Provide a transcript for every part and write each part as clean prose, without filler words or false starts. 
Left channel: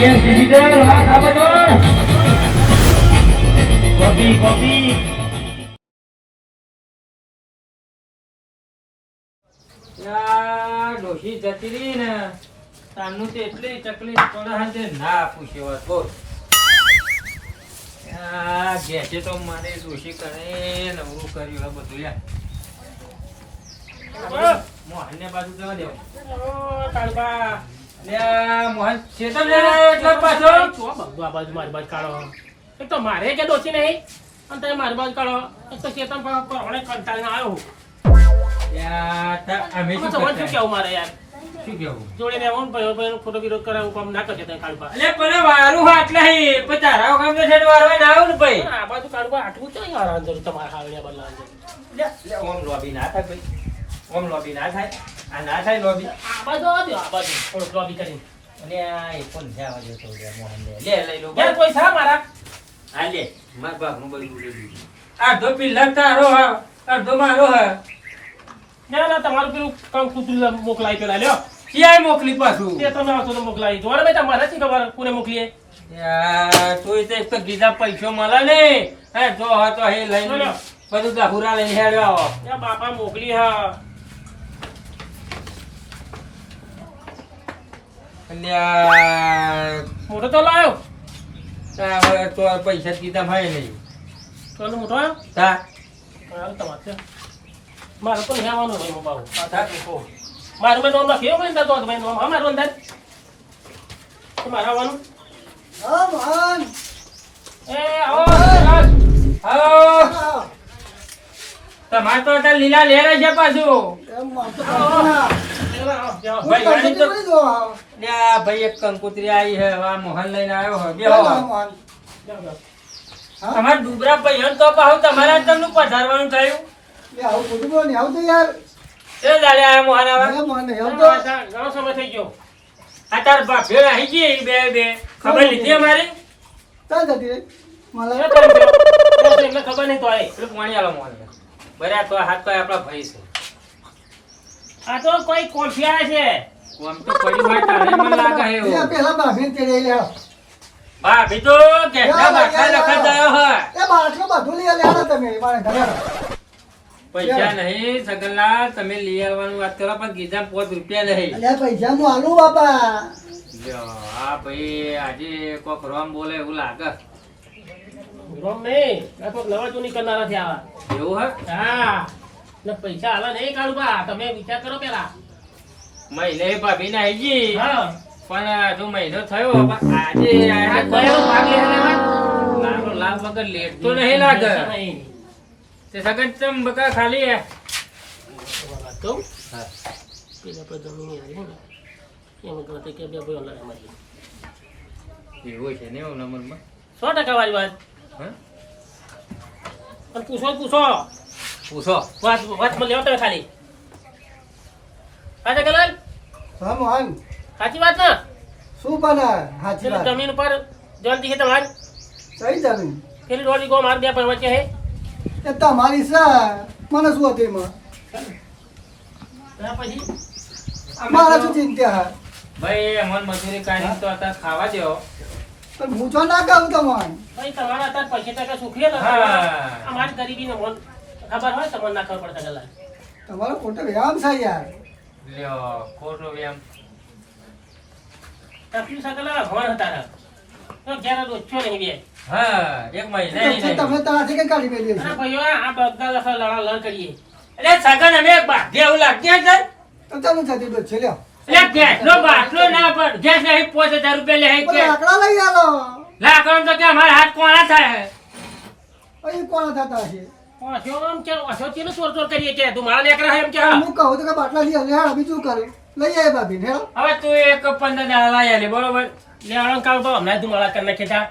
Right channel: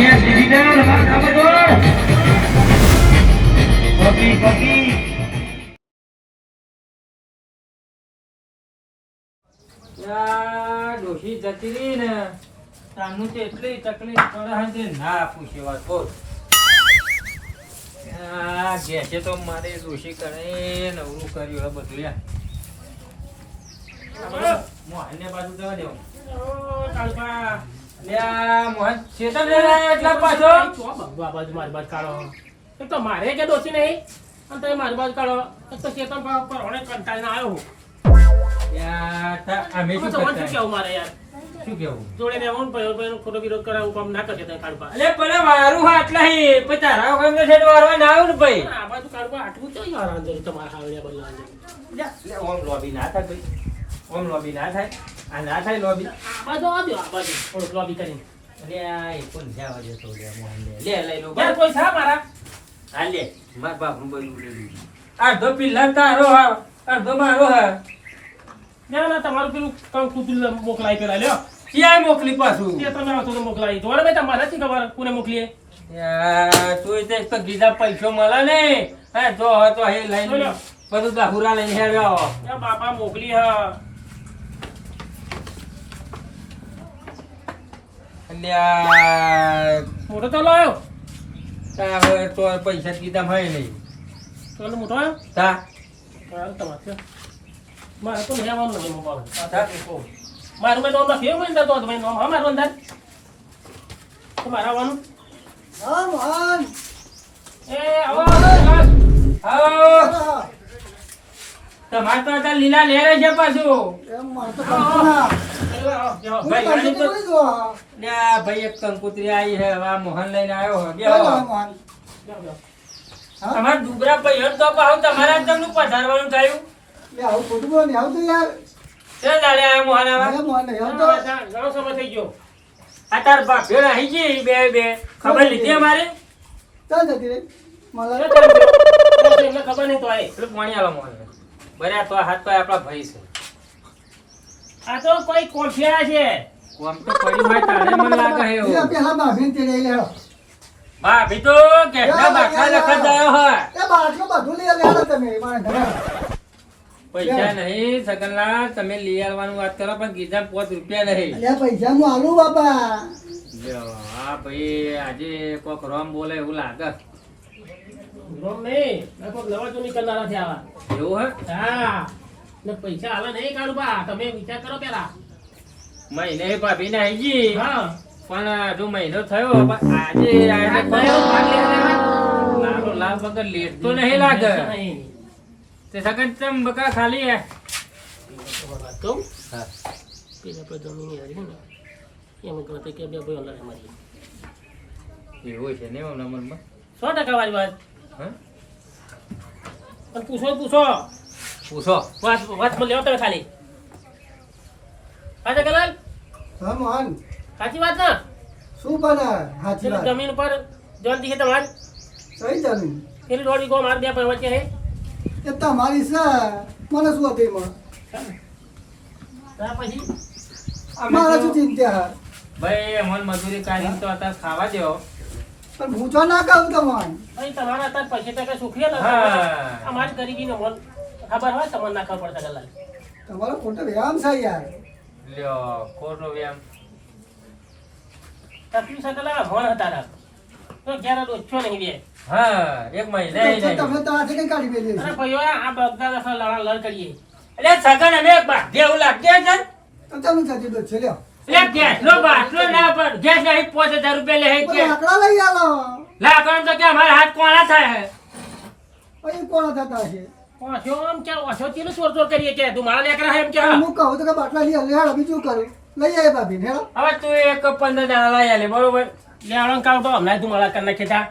Yes digital હા કાબડોળ copy copy યા ડોશી જતી રહી ને તાનું તો એટલી તકલીફ પડે છે ના પૂછે વાત બોલ આ ઘેસે તો મારે ડોશી કરે નવરું કર્યું હે બધું યાર મોહનને બાજુ જવા દેવો તાળપા લ્યા મોહન ચેતન લે એટલે પાછો ચો બગવા બાજુ મારી બાજુ કાઢો એક તો મારે કે ડોસી નહીં અને તમે મારી બાજુ કાઢો એક તો ચેતન પરવાણે કંટાળીને આવ્યો હું યા તા અમે શું શું કરતા કેવું મારે યાર શું કેવું જોડે રહેવું ને ભાઈનો ખોટો વિરોધ કરાવું કામ ના કરશે તમે કાઢવા અલે પણ વારું આટલા હી પછી તારા કામ તો છેડ વારવા ના આવું ને ભાઈ આ બાજુ કાઢવા આટલું છે યાર અંજર તમારા હાવડિયા બદલાવા લે ઓમ લોબી ના થાય ભાઈ ઓમ લોબી ના થાય આ ના થાય લોબી આ બાજુ આવજો આ બાજુ થોડુંક લોબી કરીને અલે આ એ કોણ જાવા જતો લે મોહન લે લઈ લો યાર કોઈ સા મારા હા લે માર બાપ નું બધું બોલી દીધું અડધો પિલ્લા તારો હા અડધો મારો હા ના ના તમારું પેલું કામ કુતુલ મોકલાઈ પેલા લ્યો ક્યાંય મોકલી પાછું તે તમે આવતો તો મોકલાઈ જોડે ભાઈ તમારે નથી ખબર કોને મોકલીએ યાર તોય તે એક તો બીજા પૈસો મળે ને હે જો હતો હે લઈને બોલો. બધું દાહુરા લઈને હેડ્યો યા બાપા મોકલી હા અલ્યા મોટો તો લાયો તા હવે તો પૈસા કીધા હોય નહીં તો મોટો આવ્યો તા મારે તમારે છે મારે તો નહીં આવવાનું હોય બાબુ મારું મેં નોમ લખ્યો મેં તો તમે નોમ હા મારું અંદર તો મારે આવવાનું એ આવો આવો તમારે તો અત્યારે લીલા લેરે છે પાછું ભાઈ ગાડી તો લ્યા ભાઈ એક કંકુતરી આવી છે આ મોહન લઈને આવ્યો હોય બેહો તમારે ડુબરા પૈયણ તો પાહુ તમારા તમને પધારવાનું થયું તે દાડે આયા મોહન આવા ઘણો સમય થઈ ગયો આ તાર બાપે આવી ગઈ બે ખબર લીધી અમારી એમને ખબર નહીં તો આય પેલું પાણી આલો મોહન બરાબર તો હાથ તો આપણા ભાઈ છે આ તો કોઈ કોઠિયા છે કોમ તો પડી હોય તારે મને લાગે હે એવું ભાભી તો કેટલા બાટલા લખત આવ્યો હોય પૈસા નહીં સગનલાલ તમે લઈ આવવાનું વાત કરો પણ ગીધા 5 રૂપિયા નહીં પૈસા નું આલુ બાપા લ્યો, આ ભાઈ આજે કોક રોમ બોલે એવું લાગે રોમ નહીં આ કોક નવા ચૂની કરનારા છે આવા એવું હે હા ને પૈસા આલા નહીં કાઢું બા તમે વિચાર કરો પેલા મહિને ભાભી ને આવી ગઈ હા પણ હજુ મહિનો થયો પણ આજે આને કયો ભાગ લેવાનો મારો લાભ વગર લેટ તો નહીં લાગે તે સગન ચમ બકા ખાલી હે વાત કહું પેલા પર જમીન હરી ને એમ ગણતરી કે બે ભાઈ ઓલા મારી એવું છે ને એમ નંબરમાં 100% વાળી વાત હા અને પૂછો પૂછો વાત માં લેવો તમે ખાલી હા જગલાલ હા મોહન સાચી વાત ના શું બના હાચી પેલી વાત જમીન ઉપર જોન દીખે તમારે સહી જમીન પેલી દોડી ગો માર બે પર વચ્ચે હે એ તમારી છે મને શું હતું એમાં ત્યાર પછી મારા શું ચિંતા હા ભાઈ અમન મજૂરી કાઢીને તો અત્યારે ખાવા દેવો પણ હું તો ના કહું તમને ભાઈ તમારા અત્યારે પૈસા ટકા સુખી ને હા. અમારી ગરીબી ને મન ખબર હોય તમને ના ખબર પડતા ગલાલ તમારો ખોટો વ્યાયામ છે યાર લ્યો ખોટો વ્યામ તકલીફ સકલા ભણ હતા રા તો ક્યારે ઓછો નહીં બે હા એક મહિને તમે તારાથી કઈ કાઢી મેલી અરે ભાઈઓ આ બધા દસ લડા લડ કરીએ એટલે સગન અમે બાધે એવું લાગે છે તો ચાલુ થતી તો છે લ્યો એટલે ગેસનો બાટલો ના પર ગેસ નહીં 5000 રૂપિયા લે હે કે આકડા લઈ આલો લાકડો તો કે અમારા હાથ કોણા થાય હે એ કોણ થતા છે ઓછો આમ કે ઓછો ચીનું ચોર કરીએ કે તું મારા લેકરા હે એમ કે હા હું કહું તો કે બાટલા લઈ આલે હેડ બીજું કરું લઈ આવે ભાભી હેડ હવે તું એક 15 દાડા લઈ આલે બરોબર લે આણંદ કાવ તો હમણાં તું મારા કર નાખે તા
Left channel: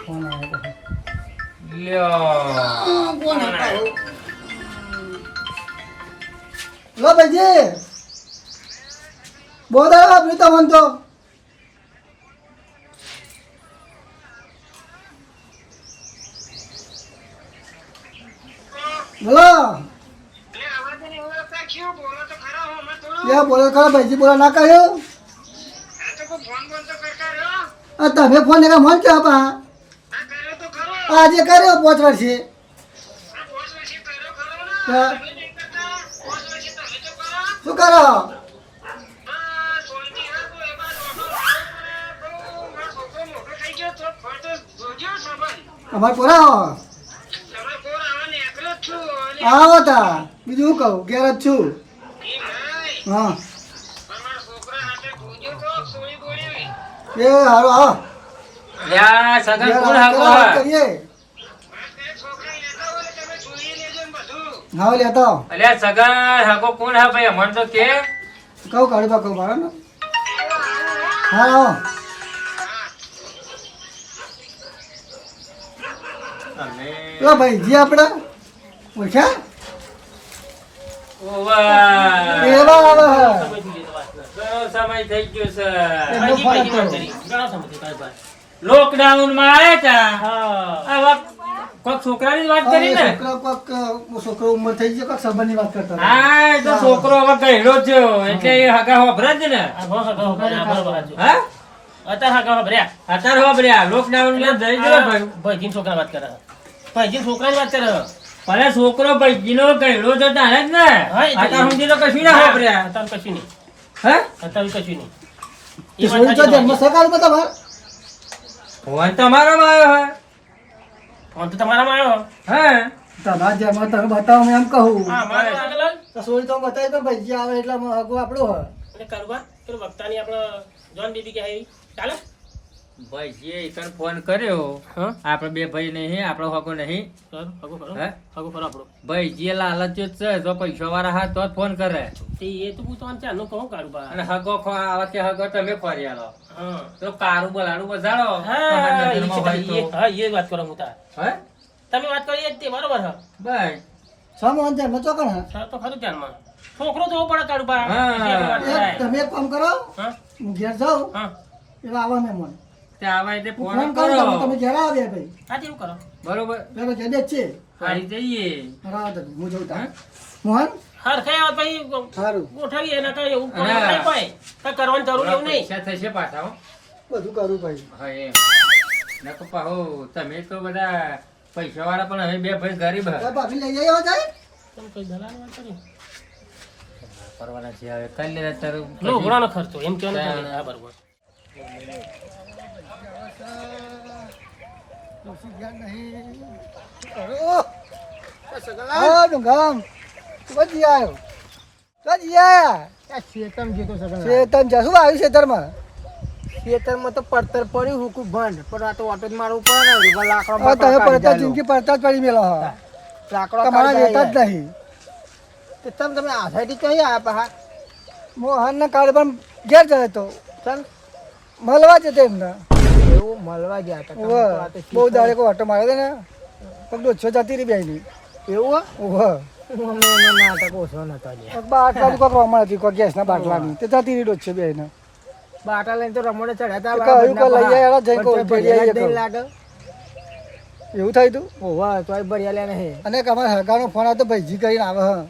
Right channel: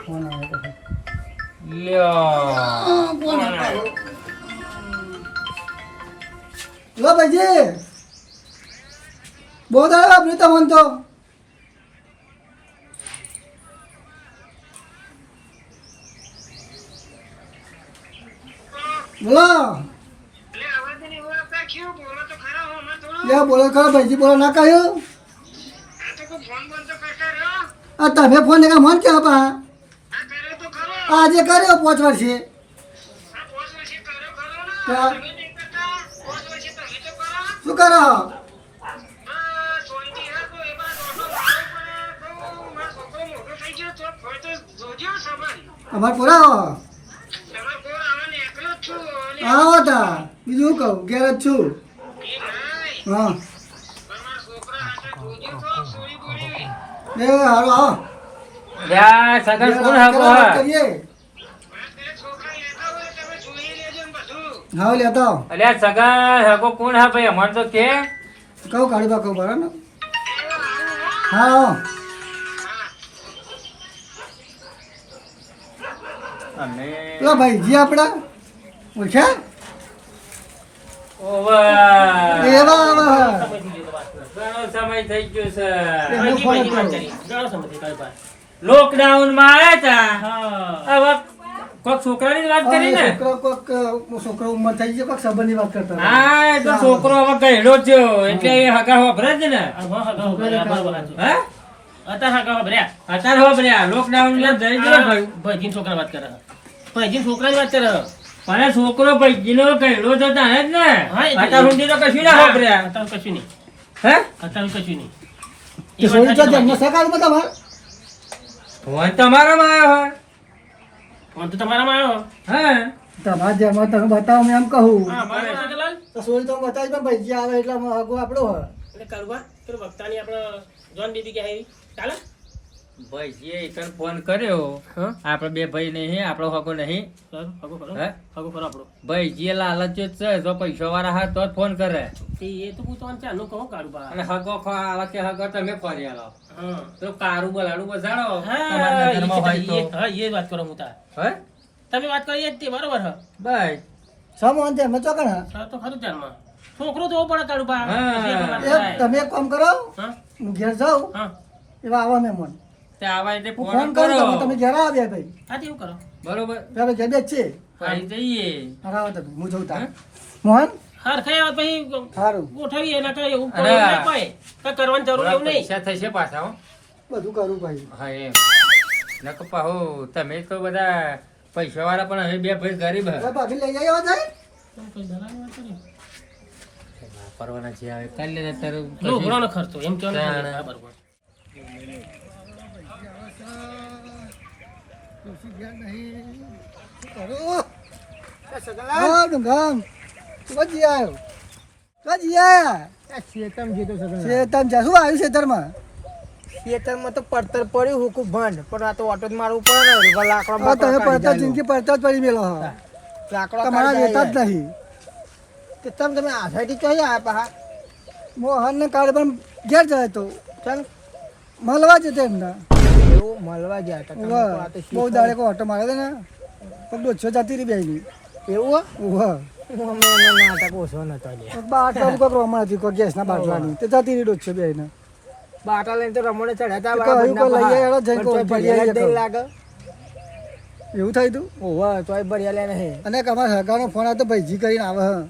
કોણ આવે લ્યો કોણ હતા લો ભાઈજી બહુ દાડા વાપરી તમને તો બોલો બોલો ખરા ભાઈજી બોલો ના કહ્યું આ તમે ફોન એકા મન કે આપા આજે કર્યો 5 વર્ષે હા. શું કરો અમાર પોરા આવો તા બીજું શું કહું ઘેર જ છું હા એ હારો આવો યા સગન કોણ હાકો વાત હા કરીએ હા લેતો આવો. અલ્યા સગન હાકો કોણ હા ભાઈ અમન તો કે કહું કાઢું તો કહું બરાબર ને હા આવો અમે પેલા ભાઈજી આપણે ઓળખ્યા ઓવા એવા આવો ઘણો સમય થઈ ગયો છે ભાઈજી ભાઈજી વાત કરી ઘણા સમય તારી પાસે લોકડાઉન માં આયા તા હા હવે કોક છોકરાની જ વાત કરી ને છોકરો ઉંમર થઈ ગયો કોઈક સંબંધની વાત કરતા હતા. હા એ તો છોકરો હવે ગયડો થયો એટલે એ હગા હોભરે જ ને આ બહુ હા બરાબર હતું હા અત્યારે હા ગાવા ભર્યા અત્યારે હોભર્યા લોકડાઉન માં જઈ ગયો ભાઈ ભાઈજી છોકરા વાત કરે ભાઈજી છોકરાની વાત કરે પણ છોકરો ભાઈજીનો ગયડો તો તાણે જ ને હા, એ તો- અત્યાર સુધી તો કશું ના હોભર્યા અત્યારે કશું નહીં હે અત્યારે કશું નહીં એ છોડી તો જન્મ સકાળ માં તમારે ફોન તમારામાં આવ્યો હા આમ તો તમારામાં આવ્યો હા તમારા જન્મ તમે બતાવો મેં એમ કહું હા મારો આગળ તો છોડી તો બતાવી તો ભાઈજી આવે એટલે હગો આપણો હોય એટલે કરવા પેલું વક્તાની આપણે જોન બીબી કે આવી ચાલે ભાઈજીએ એકન ફોન કર્યો હા આપણે બે ભાઈ નહીં આપણો હગો નહીં સર હગો કરો હે હગો કરો આપણો ભાઈજીએ લાલચ જ છે જો પૈસા વાળા હા તો જ ફોન કરે તે એ તો પૂછવાનું છે આનું કહું કાઢું બા અને હગો આવા કે હગો તમે ફરી આલો હા તો કારું બોલાડું બજાડો હા તમારી નજરમાં હોય તો હા એ વાત કરો હું તાર હે તમે વાત કરી એ જ તે બરોબર હા ભાઈ સામાન જન્મ ચોકણ સર તો ખરું ધ્યાનમાં છોકરો તો પડે કાઢું બા હા. તમે એક કામ કરો હા હું ઘેર જાઉં હા એવા આવા મહેમાન તે આવા એટલે હું ફોન ફોન કરું કરો તમે ઘેર આવ્યા ભાઈ હા તે એવું કરો બરોબર પેલા ઘેર જ છે ફરી જઈએ હા તમે હું જોઉં હા? તા મોહન હાર ખાય પછી સારું ગોઠવીએ એના કઈ એવું અરે. ના પાય કઈ કરવાની જરૂર એવું નહીં પૈસા થશે પાછા હો. બધું કરું ભાઈ હા એમ નકો પાહો તમે તો બધા પૈસા વાળા પણ હવે બે ભાઈ ગરીબ હે. ભાભી લઈ જાય જાય તમે કઈ દલાલ વાત કરી કરવાના છે હવે કાલે ને અત્યારે નો પછી- ઘોડાનો ખર્ચો એમ કેવાનું ચાલ. ખરું. હા બરોબર ડોશી ઘેર નહીં. શું કરું? હા ડુંગામ વધી આવ્યો વધી આયા શેતન જા શું આવ્યું શેતરમાં ખેતરમાં તો પડતર પડ્યું હુકું ભંડ પણ આ તો ઓટો જ મારવું પડે ને ઉભા લાકડો આ તમે બાકડો કાઢી પડતા જાય જિંદગી પડતા જ પડી મેલો હા લાકડો તમારા કાઢી લેતા જ જાય નહીં તો તમે આસાઈથી કઈ આયા પા મોહનના કાર્ડ ઘેર જાય તો ચમ મળવા જતે એમના એવું મળવા ગયા હતા તમે તો આ તો બહુ દાડે કોઈ ઓટો મારે છે ને પણ 200 જતી રહી બેની એવું ઓહો અમે એનો નાટક ઓછો નતો લે બાટલાની કોઈ રમણ હતી કોઈ ગેસના બાટલાની તે જતી રહી 200 બેને બાટા લઈને તો રમણે ચડ્યા હતા તો કઈ કોઈ લઈ આયા જઈ કોઈ ભરી આયા નહીં કરો. લાગે એવું થાય તું ઓવા તોય ભર્યા લે નહીં અને એક અમારા હગાનો ફોન આવતો ભાઈજી કરીને આવે હા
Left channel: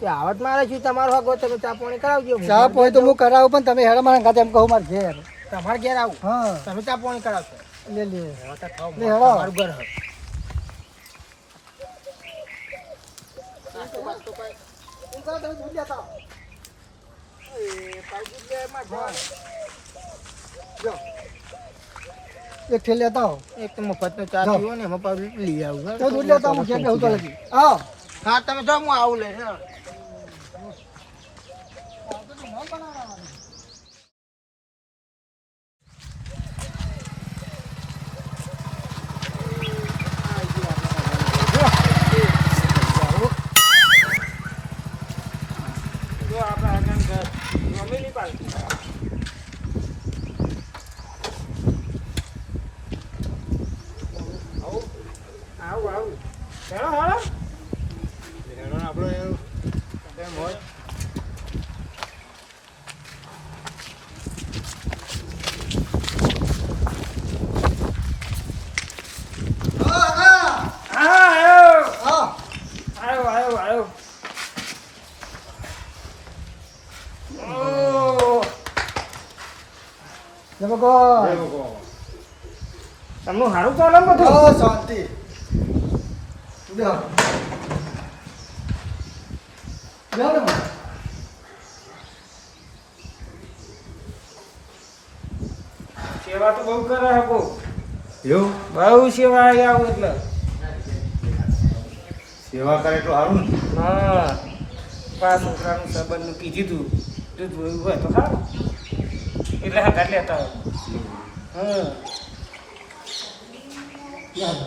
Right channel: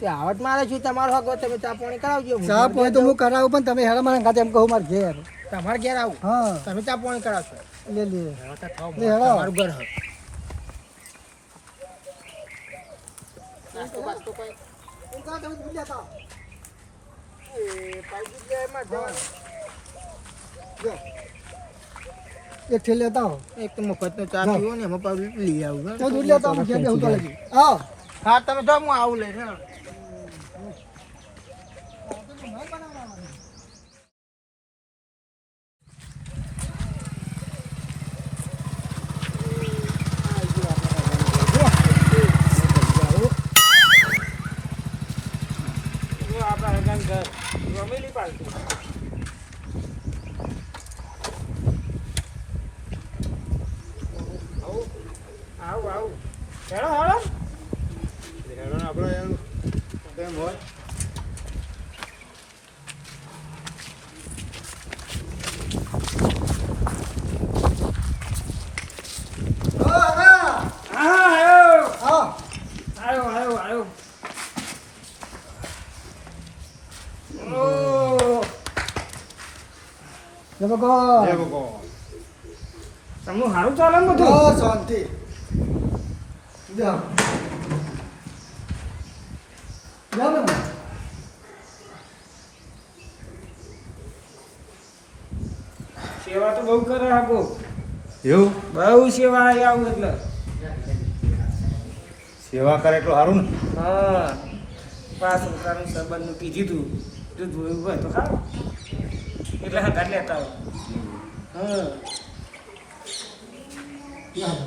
તે આવત મારે છું તમારો હગો તમે ચા પાણી કરાવજો હું ચા તમારે પોય તો ઘેર હું કરાવું પણ તમે હેડે મારા ઘરે એમ કહું મારા ઘેર જાઉં. તમારે ઘેર આવું હા તમે ચા પાણી કરાવશો લે લે હવે તો ખાઓ, લે, હેડો. તમારું ઘર હે. એક થેલી લેતા આવો એક તો મફતનો ચા જાઓ. પીવો ને એમાં પાછું લઈ આવું તો દૂધ લેતા આવો ઘેર બેહું તો લગી આવો હા તમે જાઓ હું આવું લઈને આવું આવું હેડો હેડો હેડો ને આપણો એવું કેમ હોય હા આવ્યો હા આવ્યો આવ્યો આવ્યો ઓ ભગવાન તમને સારું ચાલે ને બધું બસ શાંતિ જાઓ જાઓ ને સેવા તો બહુ કરે આપો એવું બહુ સેવા આવું એટલે સેવા કરે એટલું સારું ને હા પાંચ છોકરાનું સંબંધનું કીધું તું જોયું હોય તો સારું એટલે હાથ લેતા હા જાઓ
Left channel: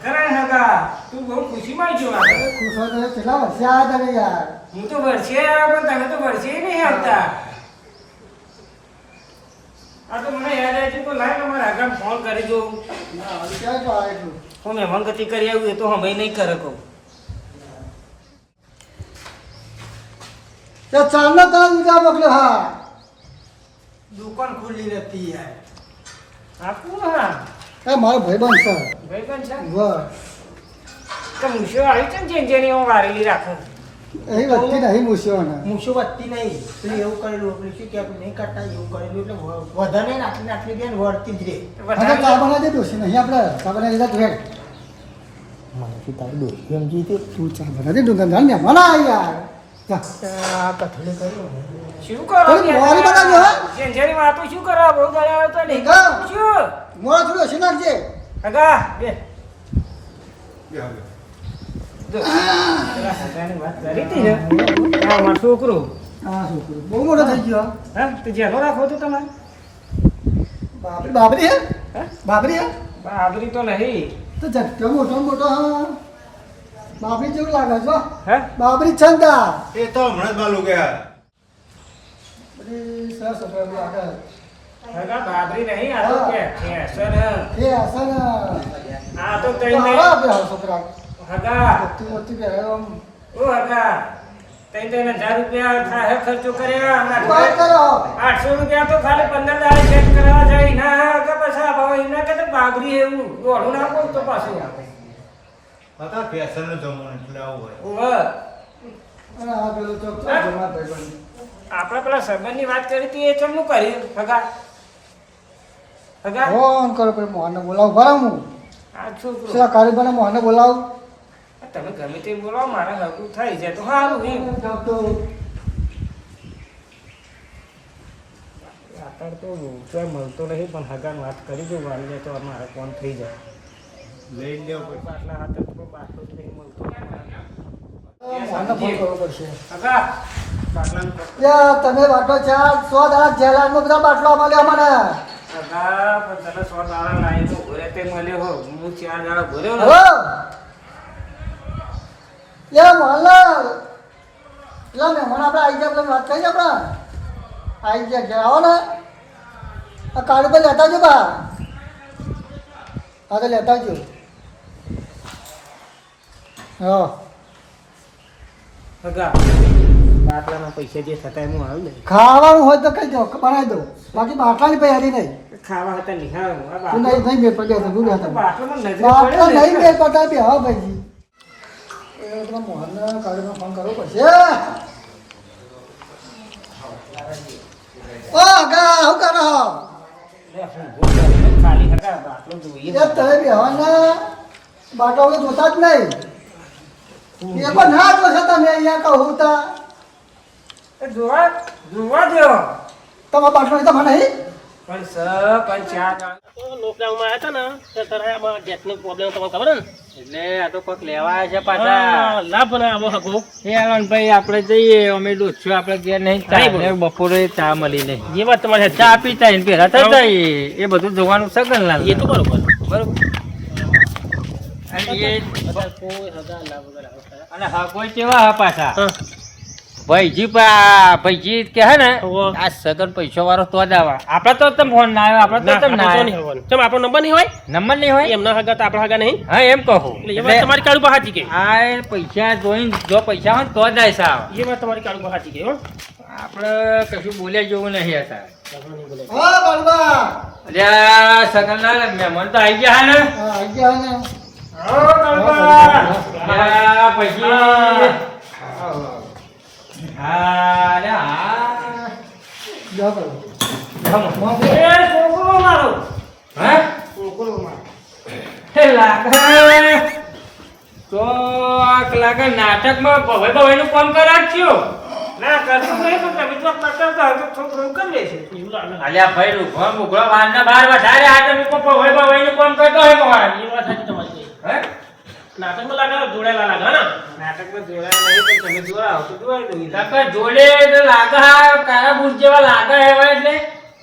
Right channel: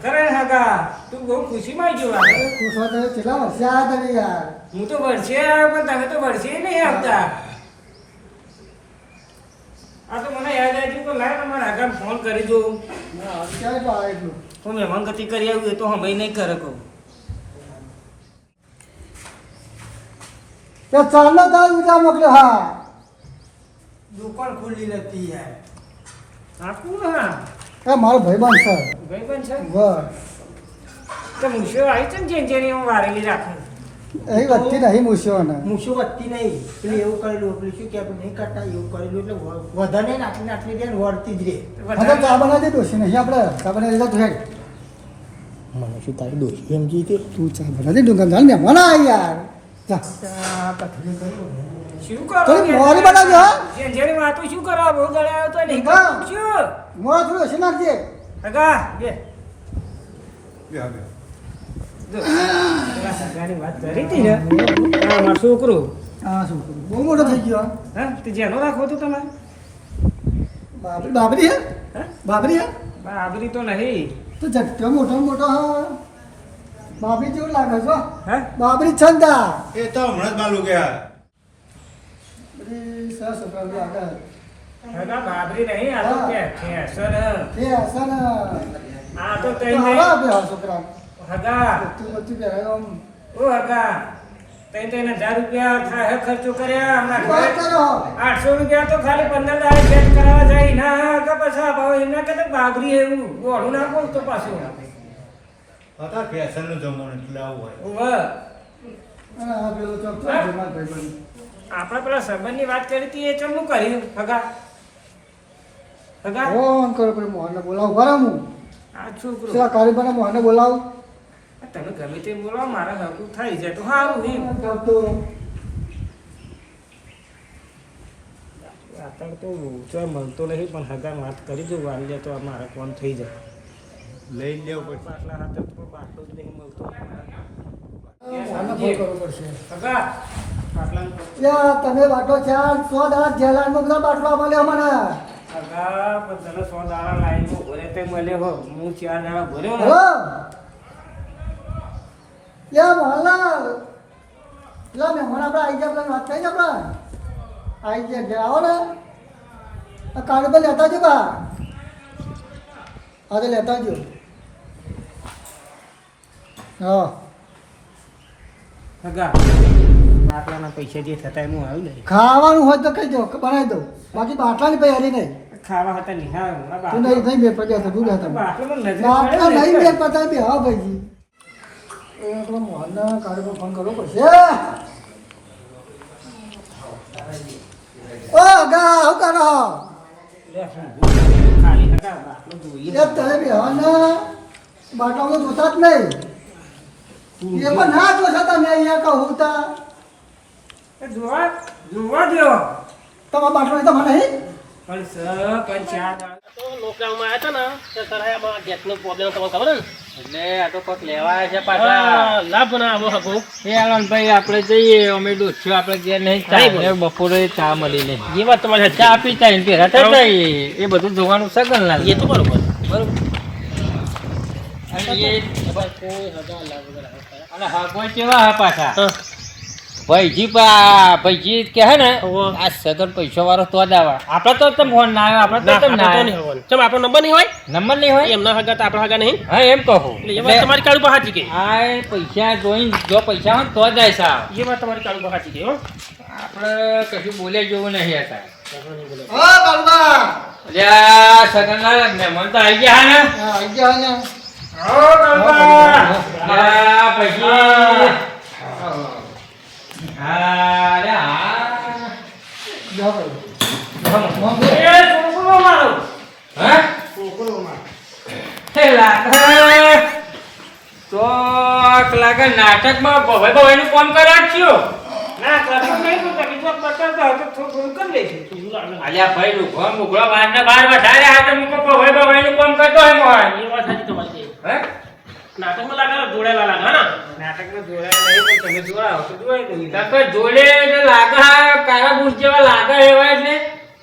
કરે હગા તું બહુ ખુશીમાં ગયો આજે ખુશ હો તો કેટલા વર્ષે આવ્યા તમે યાર હું તો વર્ષે આવ્યો પણ તમે તો વર્ષે નહીં આવતા આ તો મને યાદ આવ્યું કે લાય તમારા આગળ ફોન કરી દઉં ક્યાં પાડે તું હું મહેમાન ગતિ કરી આવ્યું એ તો હમે નહીં ખરે કહું તે ચાલનો તાર ઉજા મોકલ્યો હા દુકાન ખુલ્લી નથી યાર આપું હા એ મારો ભાઈબંધ છે ભાઈબંધ છે વાહ તો મૂછો આવી છે ને જેની હું વારેલી રાખું અહીં વધતી નહીં મૂછીઓને મૂછો વધતી નહીં પેલું એવું કરેલું પેલું શું કે નહીં કરતા એવું કરેલું એટલે વધારે નહીં નાખી દે ને વળતી જ રહે હવે ચા બનાવી દે દોશી નહીં આપણે ચા બનાવી દે તું મને શું તારી દોસ્તી એમ જીતી તું ચા બનાવી દે દુકાન જાણ ને મને આ યાર જા શું કરો થોડી મોરી બનાવજો, હા? જેની વાતું શું કરો બહુ ગળ્યા તો નહીં હા. શું મોડા થોડું ઓછી નાખજે કાકા બે બે હવે કાકાની વાત કરી હતી ને મારો છોકરો હા શું કરું બહુ મોટો થઈ ગયો હા તું જેનો રાખો તું તમારે બાબરી બાબરી હે હે બાબરી હે બાબરી તો નહીં તો ઝટકો મોટો મોટો હા બાબરી જેવું લાગે છો હે બાબરી છંદા એ તો હમણાં જ માલું ગયા બધી સરસ છોકરા બી આગળ કાકા બાબરી નહીં આ તો હા. કેસર એ આસન આ તો તઈ આવા નહીં આપે આ છોકરા હગા મોટી મોટી પહેરાયો આમ ઓ હગા તઈ તો એને 1000 રૂપિયા ખાહે ખર્ચો કર્યા હમણાં વાત કરો 800 રૂપિયા તો ખાલી 15 દાડા ચેક કરાવવા જાય ના કે પછી ભાવ એના કે બાબરી એવું ઓઢું ના બોલતો પાછું હતા ફેશનનું જમવાનું એટલે આવું હોય ઓહ અને આ પેલો ચોક હા? જમા ભાઈ આપણે પેલા સંબંધની વાત કરી હતી એ ચમનું કર્યું હગા હગા ફોન કરો કોઈ મોહનને બોલાવું ભરા હું આ છોકરો પેલા કારીગરને મોહનને બોલાવું તમે ગમે તે બોલાવો મારા હગું થઈ જાય તો સારું નહીં તો અત્યારે તો ચોય મળતો નહીં પણ હગાને વાત કરી દઉં વાળી જાય તો મારા કોમ થઈ જાય લઈ લેવું પડે બાટલા હાથે તો કોઈ બાટલો જ નહીં મળતો મોહનને ફોન કરવો પડશે હગા બાટલાનું યા તમે બાટો 100 દાડા જેલાનો બધા બાટલો મળ્યો મને હગા પણ તને 100 દાડા લાવીને ઘરે તે મળ્યો હો હું 4 દાડા ભર્યો ને હો યા મોહનલાલ પેલા મહેમાન આપણે આવી ગયા પેલા વાત કરી આપણે આવી ગયા ઘેર આવો ને આ કારીગર લેતા જો બા હા તો લેતા જો હા હગા બાટલાના પૈસા જે થતા હું આવ્યું નહીં ખાવાનું હોય તો કહી દો બનાવી દો બાકી બાટલાની તૈયારી નહીં ખાવા હતા નિહાળ આ તું બાટલો નહીં મેળ પડ્યા તું લેતા બાટલામાં નજરે બાટલા પડ્યો ને નહીં એટલે. મેળ પડતા બી હા ભાઈજી એ પેલા મોહનને કારીગરને ફોન કરવો પડશે ઓ ગા હું કરો લે, હું ખાલી હગા બાટલો જોઈએ એ તમે બી હવાને બાટલા વગર જોતા જ નહીં એ પણ ના જોશો તમે અહીંયા કહું તા એ જોવા દો તમારા બાટલો લીધા મને નહીં પણ સ પણ 4 દાડા તો લોકડાઉનમાં આવ્યા હતા ને તો તારા આમાં ગેસનો પ્રોબ્લેમ તમને ખબર ને એટલે આ તો કોક લેવા આવ્યા છે પાછા હા, લાભ ના આવો હગો એ આનંદભાઈ આપણે જઈએ અમે ડોસ્યો આપણે ઘેર નહીં ચા હા, ને બપોરે ચા મળી નહીં એ વાત તમારી સાચી. ચા પીતા ને ભેગા થઈ જાય એ બધું જોવાનું સગન લાલ એ તો બરોબર બરોબર અને એ કોઈ હગા લાભ વગર આવો ખરા. અને હા કોઈ કેવા હા પાછા હા. ભાઈજી કે હે ને હોવે. આ સગન પૈસા વાળો તો જ આવે આપડે તો તમ ફોન ના આવ્યો આપડે તો તમ ના આપણે તો નહીં આવ્યો હોવાનું. ચમ આપણો નંબર નહીં હોય નંબર નહીં હોય એમના હગા તો આપણા હગા નહીં હા એમ કહું એટલે એ વાત તમારી કાળું બહાર ગઈ આ પૈસા જોઈને જો પૈસા હોય તો જ આવે સાહેબ એ વાત તમારી કાળું બહાર ગઈ હો આપણે કશું બોલ્યા જેવું નહીં હતા હા કાળુબા અલ્યા સગનના મહેમાન તો આવી ગયા હે ને આવી ગયા ને યા પછી હા રે હા જાઓ ભાઈ. હા હે લાગે ચોક લાગે નાટકમાં ભવાઈનું કામ કરાવ્યો અલ્યા ભાઈ રૂખો મુગળો વારના બાર વધારે હાથે મૂકો ભવાઈનું કામ કરતો હે મોહન એ વાત સાચી તમારી. હે નાટકમાં લાગે જોડેલા લાગે હા નાટકમાં જોડાયા નહીં પણ તમે જોડાઓ તો જોડાઈ દઉં કાકા જોડે એટલે લાગે હા કારા બુટ જેવા લાગે એવા એટલે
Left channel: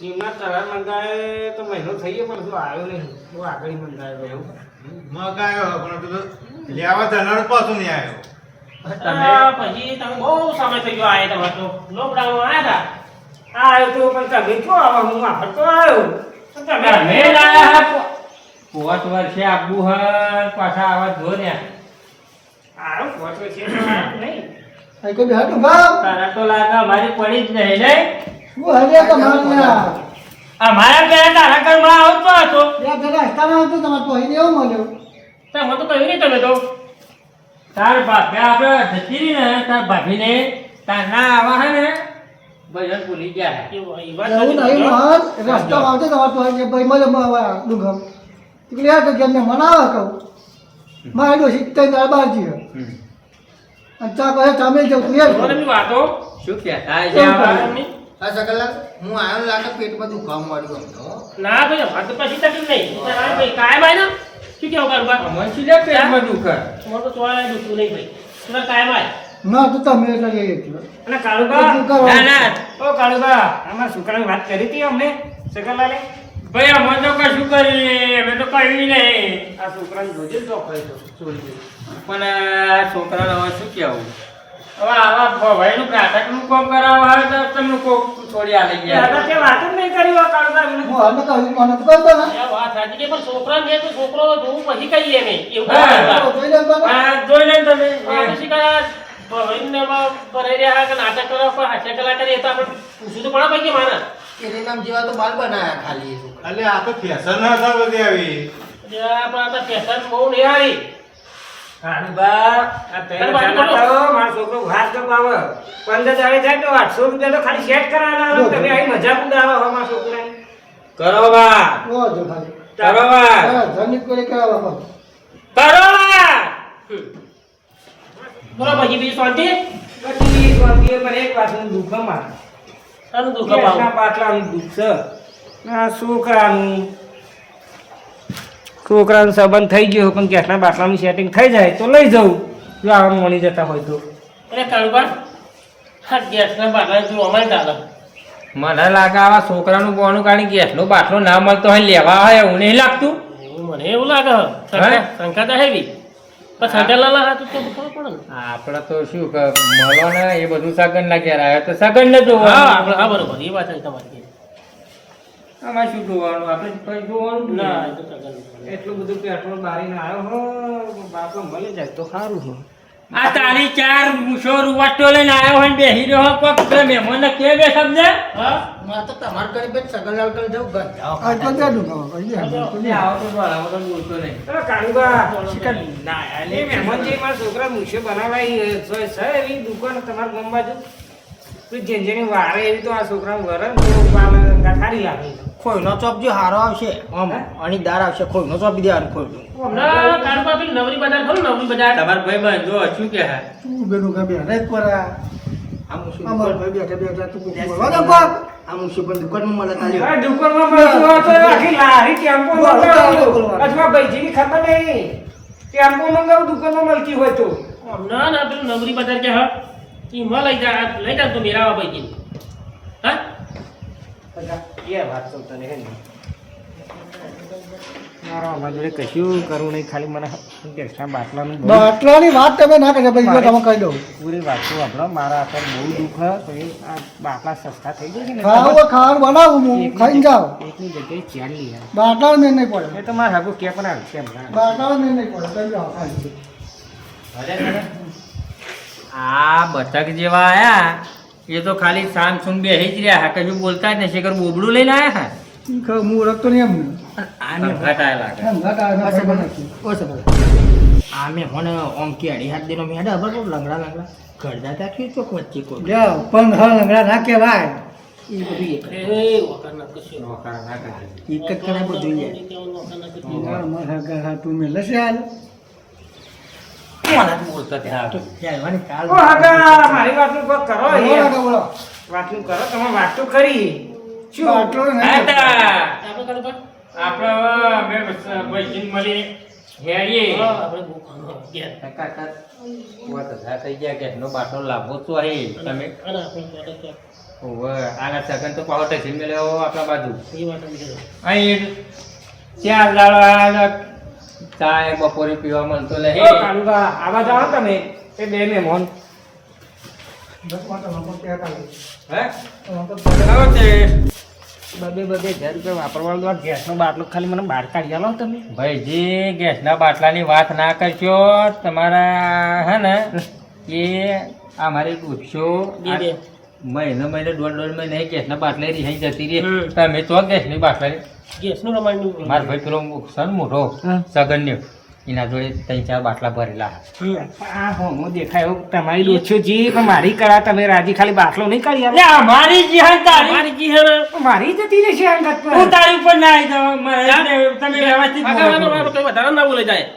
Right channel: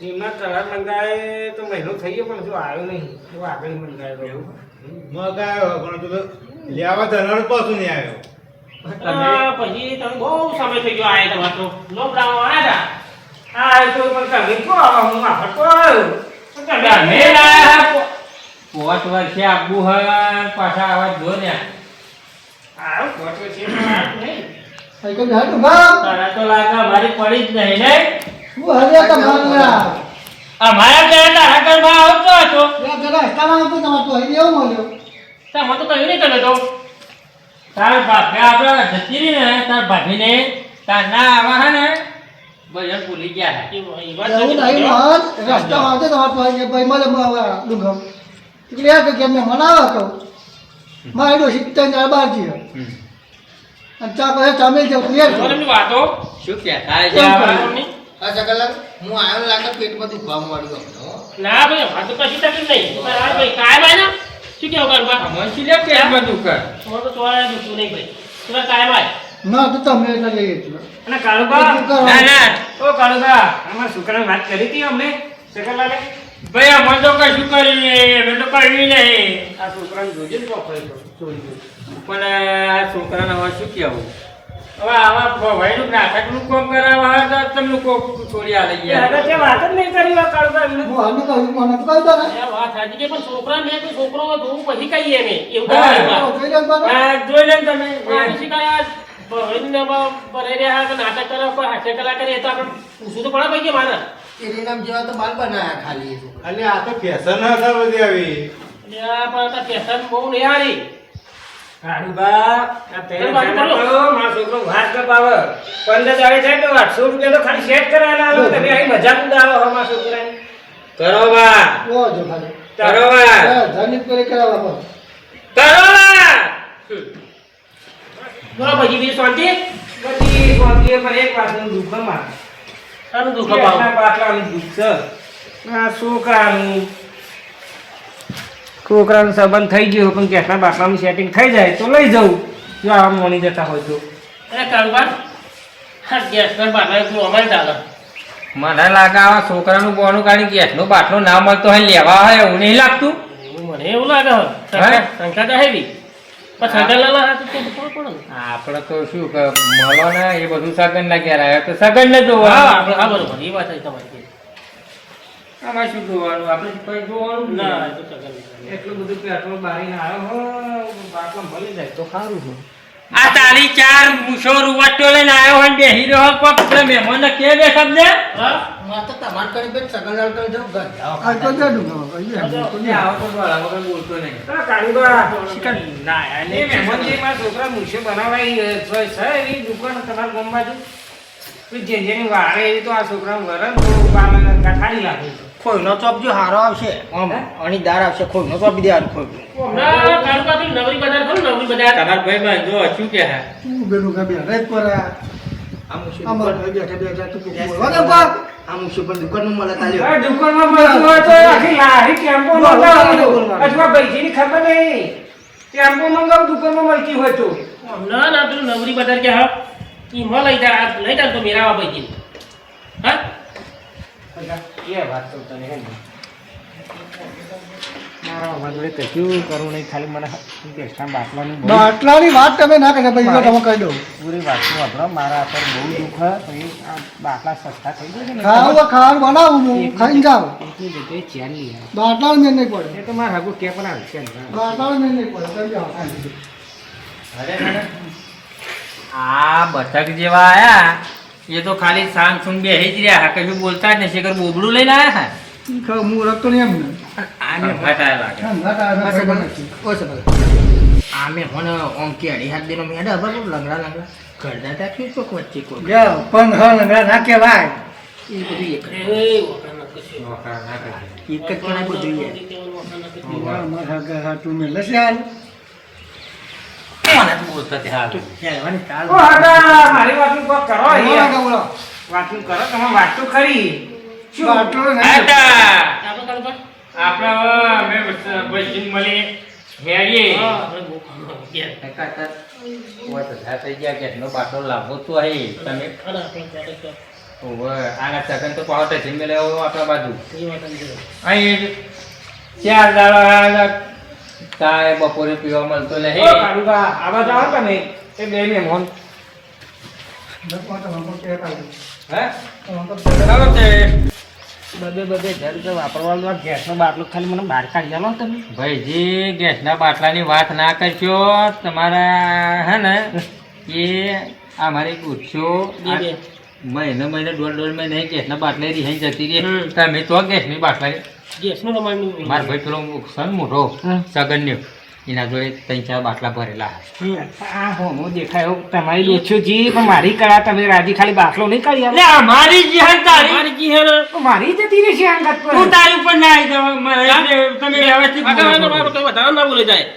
એમના કલર મંગાવે તો મહિનો થઈ ગયો પણ શું આવ્યો નહીં બહુ આગળ મંગાવ્યો એવું મગાયો પણ તું તો લેવા જનાર પાછું નહીં આવ્યો પછી તમે બહુ સમય થઈ ગયો આયા તમારે તો લોકડાઉન આવ્યા હા એ તો પણ કભી તો આવા હું હતો તમે લાયા પોત વર્ષે આબુ હર પાછા આવા જો ને આ ફોટો છે નહીં અહીં કોઈ બેઠું ભાવ. તારા તો લાગે અમારી પડી જ નહીં ને શું હરિયા તમારા? અમારા ઘરે તારા ઘરમાં આવતો હતો બે પેલા રસ્તામાં હતું તમારે તો અહીં એવું મળ્યો. ત્યાં મને તો કહ્યું નહીં તમે તો તાર ભાભી આપણે જતી રહી ને તાર ભાભીને તાર ના આવા હે ને ભજન ભૂલી ગયા હે એ વાત એવું સાચી નહીં તમારી. મહાન રસ્તામાં આવતો તમારે તો અહીં ભાઈ મળે ડુંગમ એટલે યાર કે એમને મનાવે કહું મારે તો શીખતા ને બારજી અને ચા કહે ચામેલ જાઉં તું યાર તમારી વાતો શું કહેતા કેમ છે કરે? મમ્મી? આ સકલાક હું આવ્યો લાગે પેટમાં દુખાવા મળ્યું હતો ના ભાઈ અમારે તો કશી તકલીફ નહીં ભાઈ કાયમ આય ને શું કેવું કારુબા મનસી લે પેટમાં દુખે તમારે તો ચોરાય દુખતું નહીં ભાઈ તમે કાયમ આય ના તો તમે એટલે લઈએ એટલે અને કાળુબા ના ના ઓ કાળુબા આમાં છોકરાની વાત કરી હતી અમને સકલાલે ભાઈ અમે તો કશું કરીએ અમે તો કરવી નહીં આ છોકરાને જોજે ને તો કહી દો છોડી પણ આ છોકરાને હવે શું કહેવું હવે આવા ભવાઈનું નાટકનું કામ કરાવવા હોય તો તમે કોક છોડી આલી દો ગયા તે વાત જ નહીં કરી વા કાળુબા એમને હું હાલને કહ્યું મને તો કહી દો ને આ વાત સાચી છે પણ છોકરાને મેં તો છોકરો જોવું પછી કહીએ અમે એવું હા. કારુબા. જોઈ લે બાબા. આ જોઈ લે ને તમે આ પછી કાંઈ ભવાઈને ભરાઈ રહ્યા કે નાટક કરવા પર હાસ્ય કલા કરીએ તો આપણે પૂછવું તો પડે પછી મારા એની નામ જેવા તો બાલ બનાયા ખાલી એ છોકરા એટલે આ તો ફેશન હતા બધી આવી એટલે આ પણ આ ફેશન બહુ નહીં હારી કાળુબા આ તેલ અરે બાજુ જાણો બોલો. તો મારો છોકરો વાત ન પાવે 15 દાડે જાય તો 800 રૂપિયા તો ખાલી સેટ કરાવવાના આલો. તમે અહીં મજાક ઉડાવો હો મારા છોકરાની કરો બા ઓ જો ખાલી કરો બા હા, જનિત કરી કરાવવા બાબા. કરો બા બોલો પછી બીજી શાંતિ પછી સ્વામીએ પણ એક વાતનું દુઃખ ન માને. શાનું દુઃખ કેટલા અપાવું? પાટલાનું દુઃખ છે આ છોકરાનું સંબંધ થઈ ગયો પણ કેટલા બાટલાનું સેટિંગ થઈ જાય તો લઈ જવું જો આવા મોની જતા હોય તો અરે કારુબા હા ગેસના બાટલા તું અમારે ચાલે મને લાગે આવા છોકરાનું બોનું કાઢી ગેસનો બાટલો ના મળતો હોય લેવા હોય એવું નહીં લાગતું મને એવું લાગે શંકા તો હેવી પણ શંકા ના હાથ તો ખબર પડે ને આપણે તો શું કે મળો ને એ બધું સગન ના ઘેર આવ્યા તો સગન ને જોવાનું હા આપણે હા બરોબર એ વાત છે તમારી આમાં શું જોવાનું આપણે કઈ જોવાનું જ ના ના એ તો શંકા નહીં. એટલું બધું પેટ્રોલ બારીને આવ્યો હો બાટલો મળી જાય તો સારું છે આ તારી ચાર મૂછો રૂવાટો લઈને આવ્યો હોય ને બેહી રહ્યો હોય કોક પેલા મહેમાનને કે બે શબ્દ હા મારે તો તમારે કરી બેન સગલાલ કરી જવું ઘર જાઓ આ તો દે ડુંગર ને આવો તો બોલ, આવો તો બોલતો નહીં છોકરા મૂછે બનાવાય છે એવી દુકાન તમારા ગામ બાજુ જેની વારે એવી તો આ છોકરા વરણ કાઢી લાગે ખોઈનો ચોપ જો હારો આવશે આમ અણીદાર આવશે ખોઈનો ચોપ બી દેવાનું ખોઈ હમણાં કારુબા પેલું નવરી બજાર ખરું નવરી બજાર તમારા ભાઈ બંધો શું કે હા તું બેનું કે બે રેત પર આ આમ શું અમાર ભાઈ બેઠા બેઠા તું કોક બોલવા દે કોક. આમ શું પણ દુકાનમાં મળે તાલ્યો આ દુકાનમાં મળતું હોય તો આખી લારી ટેમ્પો મંગાવું અથવા ભાઈજીની ખબર નહીં ટેમ્પો મંગાવું દુકાનમાં મળતી હોય તો હમણાં ના પેલું નવરી બજાર કે હા એમાં લઈ જા તો મેરાવા પૈકી હા એ વાત તો તને હે ને મારા અમારા જોડે કશું કરવું નહીં ખાલી મને ગેસના બાટલાનું બહુ બાટલાની વાત તમે ના કરી ભાઈ જો તમે કહી દઉં પૂરી વાતનું વાપરો મારા અત્યારે બહુ દુઃખ છે પછી આ બાટલા સસ્તા થઈ જાય છે ને ખાવાનું બનાવું હું ખાઈને જાઉં એકની જગ્યાએ ચેર લઈ આવે બાટલાનું મેં નહીં પડે એ તો મારા હાગું કે પણ આવે કેમ બાટલાનું મેં નહીં પડે તમે જાઓ ખાલી. આ બતક જેવા આયા એ તો ખાલી સાંગ સુંગ બેહી જ રહ્યા કશું બોલતા જ નહીં શેખર બોબડું લઈને આયા હા હું રખતો નહીં એમને ઘટાય લાગે ઠંડા કારણે ઓ ખબર સગલ નથી. ઓ સગલ આ મેં મને ઓમ કે અઢી હાથ દેનો મેં બરાબર લંગડા લંગડા ઘરડા તાક્યું ચોક વચ્ચે કોઈ લે પણ હા લંગડા ના કહેવાય એ બધું એક એ વખત ના કશું એક જ કેણા બધું યાર મારા હાટું મેં લસ્યા ચાલવાની કાલ ઓ આગા મારી વાતનું કોક કરો યાર બોલો વાતનું કરો તમે વાત તો ખરી શું આટલો નહીં આટા. આપણે કાલે પણ આપણે અમે બસી મળી હેરીએ. આપણે બહુ કામ ગયા કાકા, વાત ધા થઈ ગયા કે એનો બાટલો લાવવો તો હે તમે. અરે આપણે ક્યારે ક્યાં ઓવે, આગળ સગન તો પાવત છે મેલ્યો આપણા બાજુ. એ વાત અંદર અહીં 4 દાડા ચાય બપોરે પીવા મળતો લે હે. ઓ કાળુબા આવા જાઓ તમે એ બે મહેમાન હે? ચાલો તે. બબે હજાર રૂપિયા વાપરવાનો ગેસનો બાટલો ખાલી મને બહાર કાઢી આલો તમે ભાઈજી, ગેસના બાટલાની વાત ના કરશો. તમારા હે ને એ આ મારી પૂછશો બે. મહિને દોઢ મહિને ગેસના બાટલા રિહાઈ જતી રહી. હમ. તમે તો ગેસની બાટલા ગેસનું રમાડનું મારા ભાઈ પેલો સન મોટો સગન ને એના જોડે 3-4 બાટલા ભરેલા. આ હોમો દેખાયો તમારી ડોછો જી પણ મારી કળા તમે રાજી ખાલી બાટલો નહીં કાઢી આલો લે, મારી જીહન તારી. મારી જી હે ને મારી જતી રહેશે અંગત પર હું તારી ઉપર ના આવી જાઉં. તમે વ્યવસ્થિત બોલો છો. મારો કઈ વધારે ના બોલે જાય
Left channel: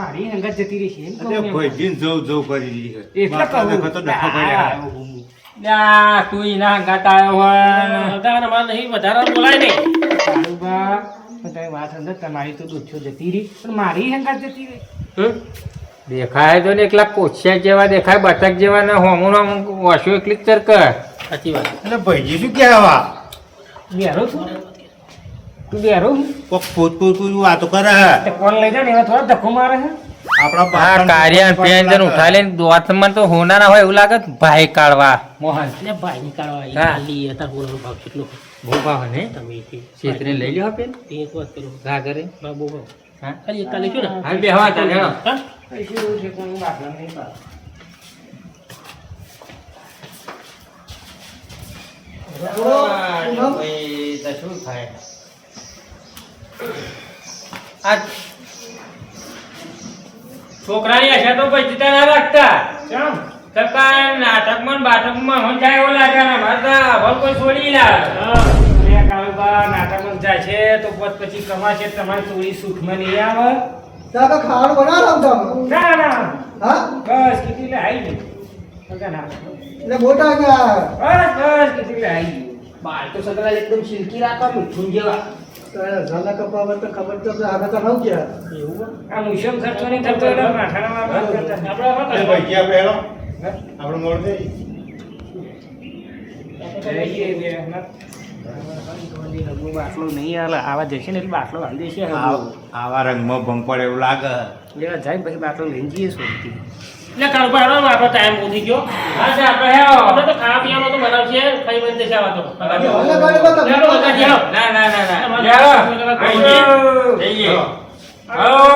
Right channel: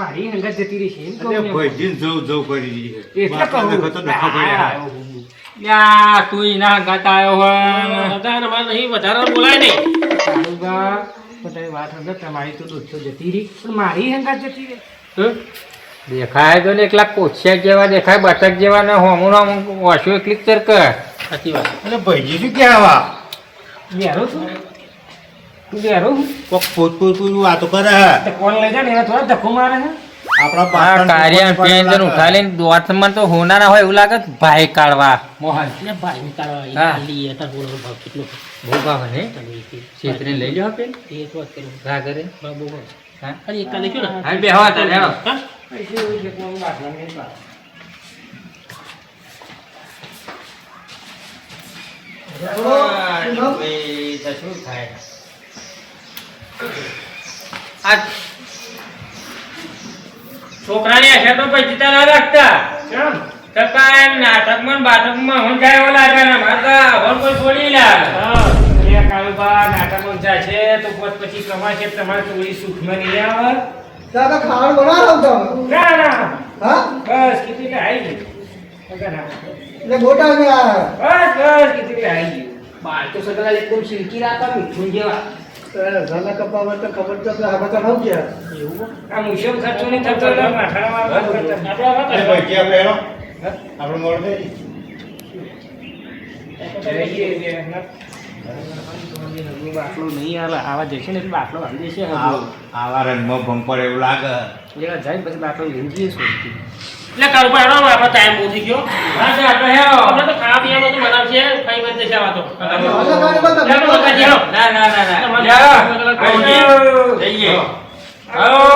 મારી અંગત જતી રહેશે એમ કહું એટલે મેં. ભાઈજીને જવું કરી દીધી છે. એટલે બાપા કહું. દેખો તો ડખો કર્યા. લ્યા, તું એના હંગાત આવ્યો હોય. વધારે મારે નહીં વધારે બોલાય નહીં કાળુબા, તો તમે વાત અંગત તમારી તો ડોછો જતી રહી પણ મારી અંગત જતી રહી દેખાય તો ને એકલા કોશિયા જેવા દેખાય, બટક જેવા ને હોમું ઓછું એકલી ચરક. સાચી વાત એટલે ભાઈજી શું કહેવા બેરો છું તું બેરો કોક પોત વાતો કરે હે. તો કોણ લઈ જાય ને એના થોડા ધક્કો મારે છે આપણા આ પાટણ કાર્યા પેન્જન ઉઠાડીને દોતમાં તો હોનારા હોય એવું લાગે. ભાઈ કાઢવા મોહન એટલે ભાઈ નીકાળવા એ હા. ખાલી અત્યારે બોલવાનો ભાવ કેટલો બહુ ભાવ ને તમે એ છેતરીને લઈ લ્યો પેન એક વાત કરું ઘા કરે. ભાવ બહુ ભાવ હા ખાલી એક કાલે શું ને હા, બેહવા તારે, હેડો. હા? પૈસે એવું છે કોઈ બાટલા નહીં પાડે. ભાઈ, તો શું થાય? આ છોકરાની આંખે તો પછી જીતા ના રાખતા. કેમ? કાકા એમ નાટકમાં ને બાટકમાં હંજાય ઓલા કરે ને મારે તો હવે કોઈ છોડી ના. બે કાળુબા નાટામાં જાય છે તો પોત પછી કમાશે તમારે ચોરી સુખમાં નહીં આવે દાદા ખાવાનું બનાવો તમે ના ના હા બસ કીધું એટલે આવી ગયું કાકા ના. એટલે મોટા ને આ બસ બસ કીધું એટલે આવી ગયું બાળ તો સગલા એકદમ સિલ્કી રાખવા મીઠું જેવા ઝાલા કપાવા તો ખબર તો આપણે આગળ તો ખાવ ગયા એવું આ મુશમ ખર્ચો નહીં થતો એટલે માથામાં વાત કરતા આપણે આ વાત અરે ભાઈજી આપણે હેલો. આપણે મોડ દે. બાટલો નહીં હાલે આવા જશે ને એટલે બાટલો હાલી દેશે આવા રંગમાં ભંગ પડે એવું લાગે. લેવા જાય ને પછી બાટલો લઈને જઈએ શોધતી એટલે કાળું પાડો ને આપણો ટાઈમ પહોંચી ગયો હા છે, આપણે હેડો. આપણે તો ખાવા પીવાનો તો બનાવશે ખાઈ બંધ જશે આવા તો હવે ગાડી બંધ ચાલો, બધા જાઓ. ના ના ના ના. તમારે- લ્યો. જઈએ. આવો.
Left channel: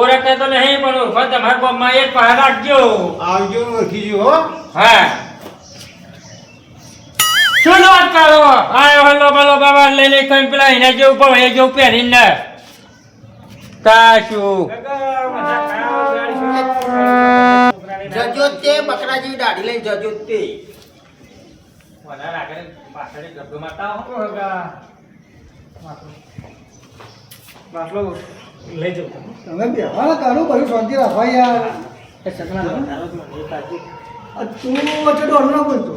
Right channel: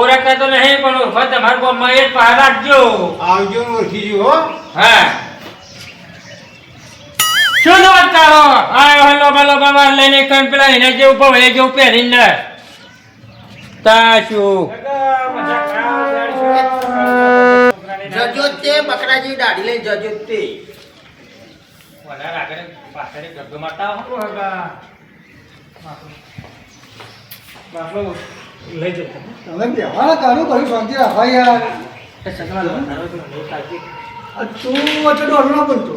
ઓળખતા તો નહીં પણ ઓળખવા તમારા ગામમાં એક પહાડ રાખજો. આવજો ઓળખી જો હો. હા. શું વાત કરો? આ હલો બલો બાબા લઈને કઈ પેલા એને જેવું પણ એ જેવું પહેરીને તાશું. જજો તે બકરા જેવી દાઢી લઈને જજો તે કોના રાખે પાછળ ગબ્બો મારતા હો. બાટલો લઈ જતો તમે બેહાના કાઢું કરી શાંતિ રાખવા યાર આ તું વચ્ચે ડોર ના બોલતો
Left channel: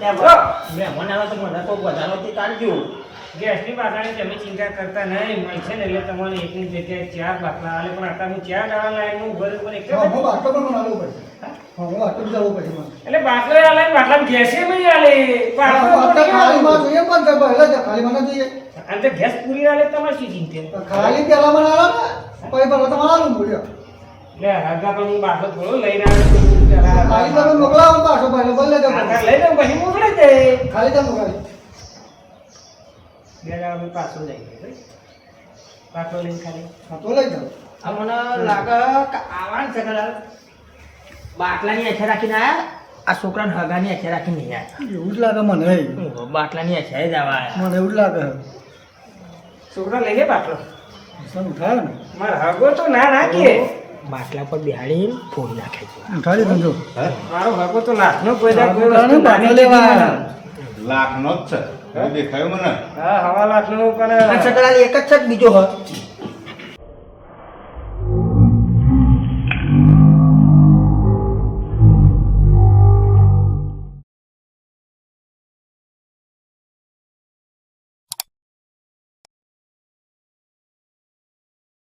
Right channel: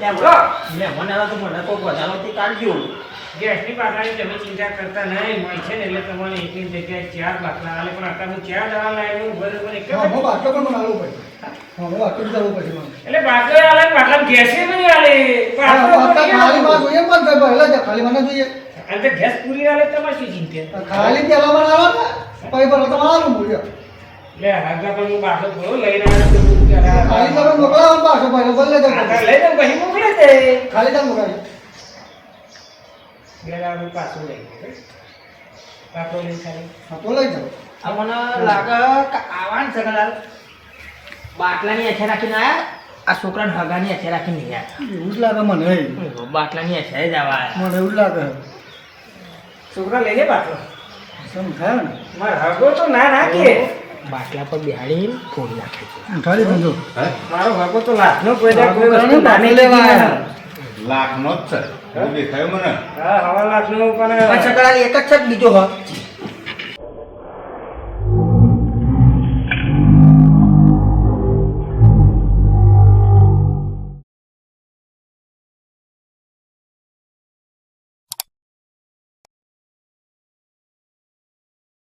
મહેમાન આવે તો મને કોઈ વધારો તે કાઢજો ગેસની બાટલાની તમે ચિંતા કરતા નહીં મળશે ને એટલે તમારે એકની જગ્યાએ 4 બાટલા આલે પણ અત્યારે હું 4 લેવા લાવ્યો હું બરોબર એક જ હા હું બાટલો પણ બનાવવો પડશે હા હું બાટલો બી જવું પડશે મને એટલે બાટલો આલે ને બાટલામાં ગેસે નહીં આલે બાટલો બાટલો નહીં ખાલી માં આલે. જોઈએ પણ કઈ પહેલા જ ખાલી મને જોઈએ અને તે ગેસ પૂરી આલે તમારે શું ચિંતા ખાલી પેલા મને આલો ને પછી પેલા તો મારું બોલ્યો લે હગા પણ હું બાટલો થોડો લઈને આવ્યો છું તું જરા. ખાલી તમે મોકલાવો પાછો ભાઈ બોલે દો આ તાર લઈ દઉં પછી મોકલે દે ખાલી તમે મોકલાવી બે દાડા પાછું લઈ ગયો ભાઈ બાટલો લઈને ખાલી હા તો લઈ જાઓ આ મને લાગે કે આવાન સગલા બાટલાની એઠે રાખીને આયા આ છોકરાને હગાની એઠે રાખીને નહીં આયા એવું જ લાગે મને બાટલાની એઠે જ આવા આયા. મને એવું જ લાગે છોકરા લઈ લે બાટલો સમજાય ને મારે હગો તો ના નાખીએ બાટલા પર બેહાડીને ફોડી નાખે છે ખાલી સમજો મારો ભાગો તો લાખનો કોઈ દા કોઈ ઘણું વસ્તુ બાટલો નાની લેવા લેવા આવ્યા. લાખનો જ છે એવું દેખાયું મને હા 1.5 લાખનું પણ પણ સકળાલ એક જ છે કે બીજો હ